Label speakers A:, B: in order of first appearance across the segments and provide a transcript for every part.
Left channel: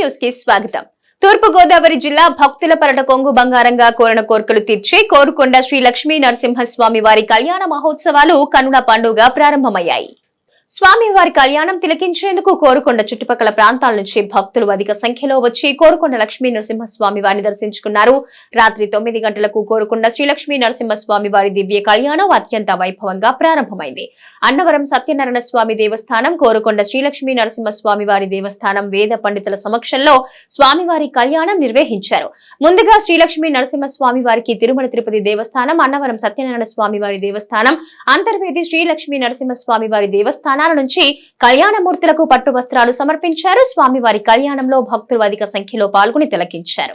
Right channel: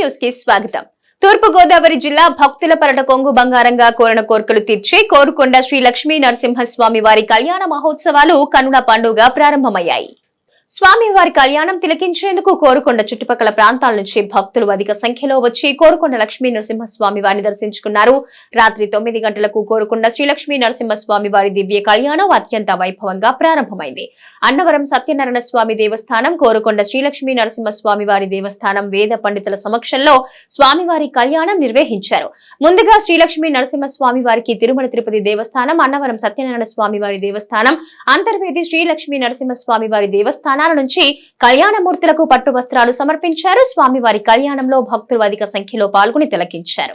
A: న్యూస్కి స్వాగతం. తూర్పు గోదావరి జిల్లా భక్తుల పరట కొంగు బంగారంగా కోరిన కోరికలు తీర్చి కోరుకొండ శ్రీ లక్ష్మీ నరసింహస్వామి వారి కళ్యాణ మహోత్సవాలు కనుల పండుగ ప్రారంభమయ్యాయి. స్వామివారి కళ్యాణం తిలకించేందుకు కోరుకొండ చుట్టుపక్కల ప్రాంతాల నుంచి భక్తులు అధిక సంఖ్యలో వచ్చి కోరుకొండ లక్ష్మీ నరసింహస్వామి వారిని దర్శించుకున్నారు. రాత్రి తొమ్మిది గంటలకు కోరుకొండ శ్రీలక్ష్మీ నరసింహస్వామి వారి దివ్య కళ్యాణం అత్యంత వైభవంగా ప్రారంభమైంది. అన్నవరం సత్యనారాయణ స్వామి దేవస్థానం కోరుకొండ శ్రీలక్ష్మీ నరసింహస్వామి వారి దేవస్థానం వేద పండితుల సమక్షంలో స్వామివారి కళ్యాణం నిర్వహించారు. ముందుగా శ్రీలక్ష్మీ నరసింహస్వామి వారికి తిరుమల తిరుపతి దేవస్థానం అన్నవరం సత్యనారాయణ స్వామి వారి దేవస్థానం అంతర్వేది శ్రీలక్ష్మీ నరసింహస్వామి వారి దేవస్థానం స్థానాల నుంచి కళ్యాణమూర్తులకు పట్టు వస్త్రాలు సమర్పించారు. స్వామివారి కళ్యాణంలో భక్తులు అధిక సంఖ్యలో పాల్గొని తిలకించారు.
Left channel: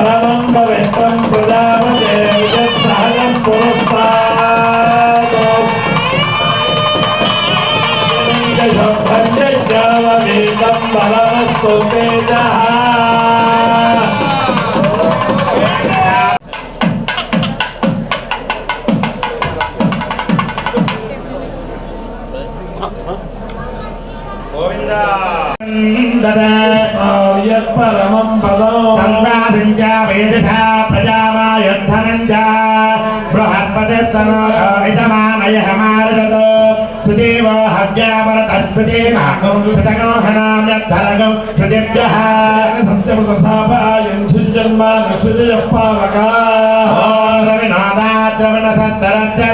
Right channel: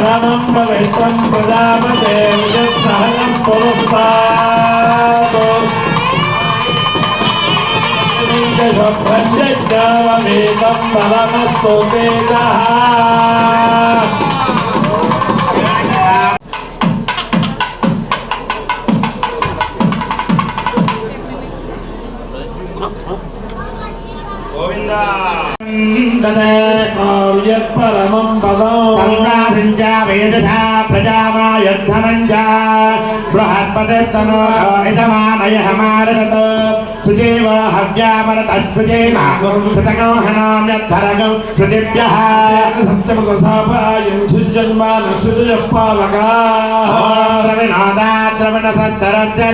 B: परमं पवित्रं प्रदापते सहजं पुरस्तारमेकं बलमस्तु वेदः गोविन्दा
C: సంగ్రాసించ వేదశా ప్రజామాయుద్ధనంచ బృహత్పదత్తమోహితమానయ హమారగత సుజేవ హవ్యామరత సుజేనాగం శతకంహనామ్యద్ధరగం సుజేభ్యః
B: సత్యం సాపాయం పాలకా
C: ద్రవణ సత్తరస్య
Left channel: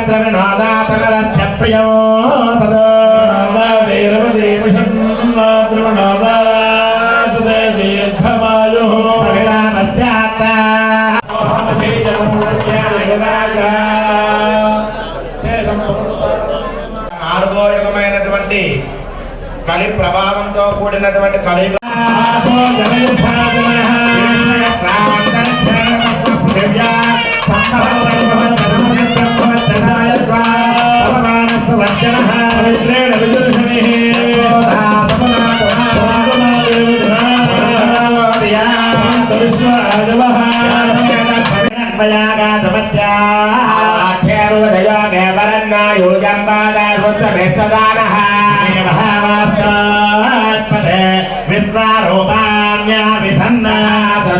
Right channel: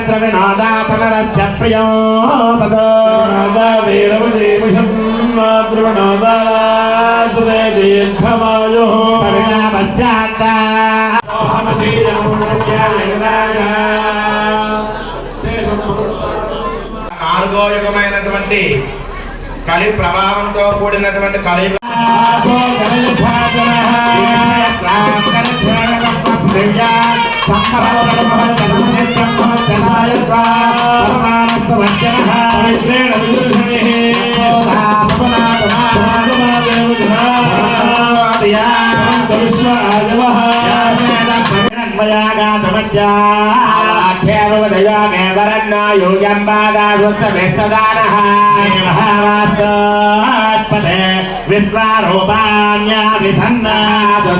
C: నాలుగో కలి ప్రభావంతో కూడినటువంటి కలి విశ్వరూపాణ్యా విసన్నా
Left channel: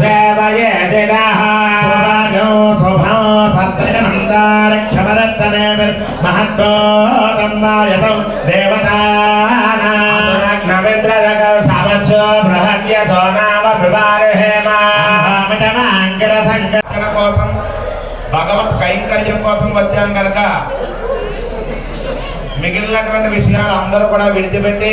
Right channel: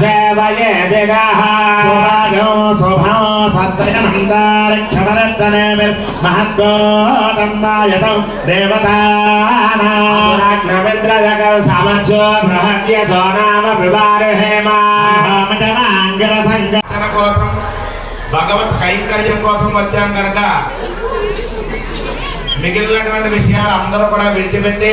C: సేవయే దిగః స్వభాగో శోభో సత్యనందారక్షమరత్తనే మహద్భోతంబాయతం దేవతాన కోసం భగవత్ కైంకర్యం కోసం వచ్చాం కనుక మిగిలినటువంటి విషయాలు అందరూ కూడా విడిచిపెట్టి